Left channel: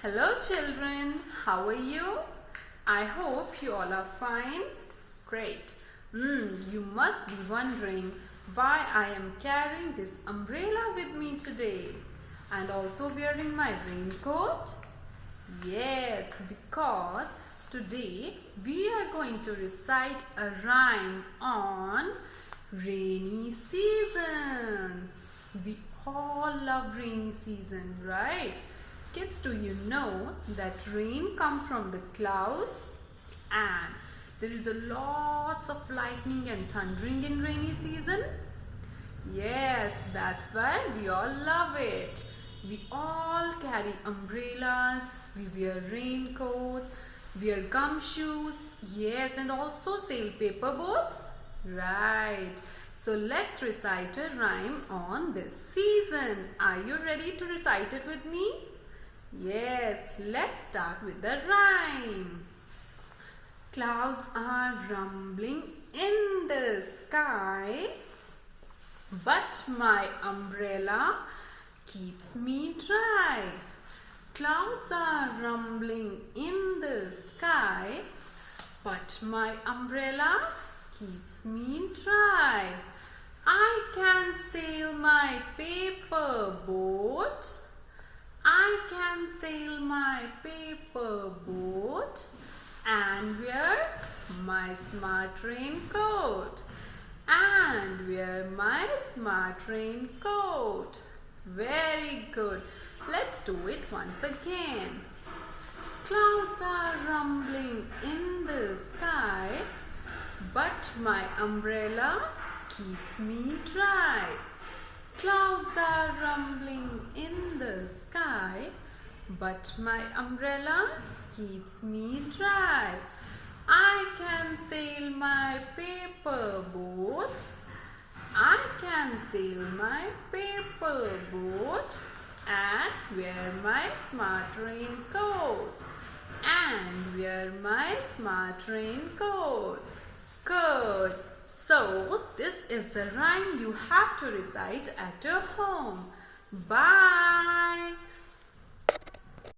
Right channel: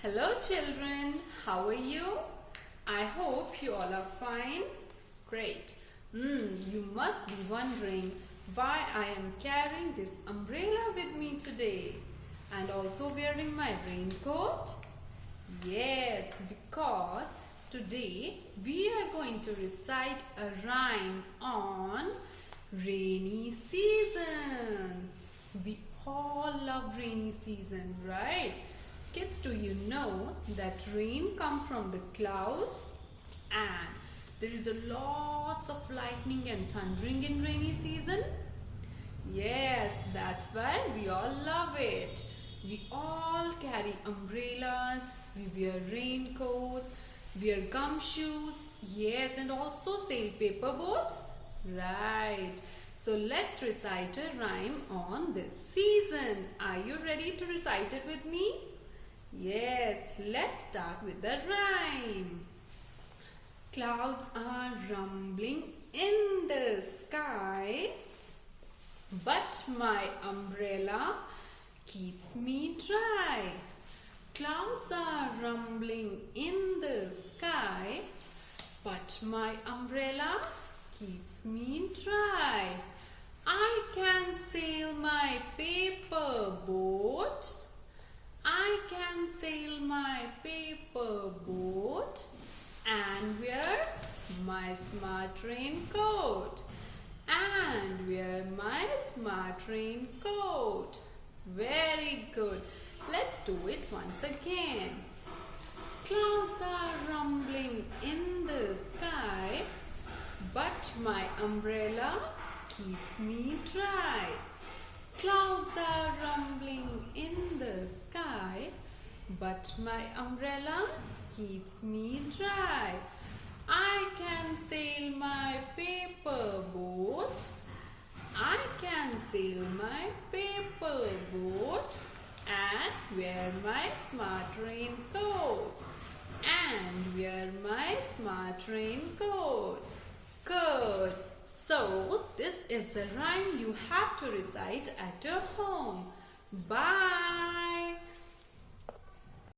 Hello children, how are you? I hope you all are fine. Great. You must be wondering why I am carrying this umbrella with me today and also wearing my raincoat. Yes, because today we are going to recite a rhyme on rainy season. We all love rainy season, right? Kids, do you know that rain comes from the clouds and there is a lots of lightning and thundering in rainy season? Yes, that's why we all love it. We all carry umbrellas, we wear raincoats, wear gumshoes, yes, and also sail paper boats. Right. So let's recite a rhyme on this season. Are you ready to recite it with me? Yes, let's start with the rhyme. Clouds are rumbling in the sky, but my umbrella keeps me dry. Clouds are rumbling in the sky, but my umbrella keeps me dry. I can sail my paper boat. I can sail my paper boat and wear my smart raincoat. And wear my smart raincoat. Very good. Let's do it once again. Clouds are rumbling in the sky, but my umbrella keeps me dry. Clouds are rumbling in the sky, but my umbrella keeps me dry. I can sail my paper boat. I can sail my paper boat and wear my smart raincoat. And wear my smart raincoat. Good. So, this is the rhyme you have to recite at your home. Bye.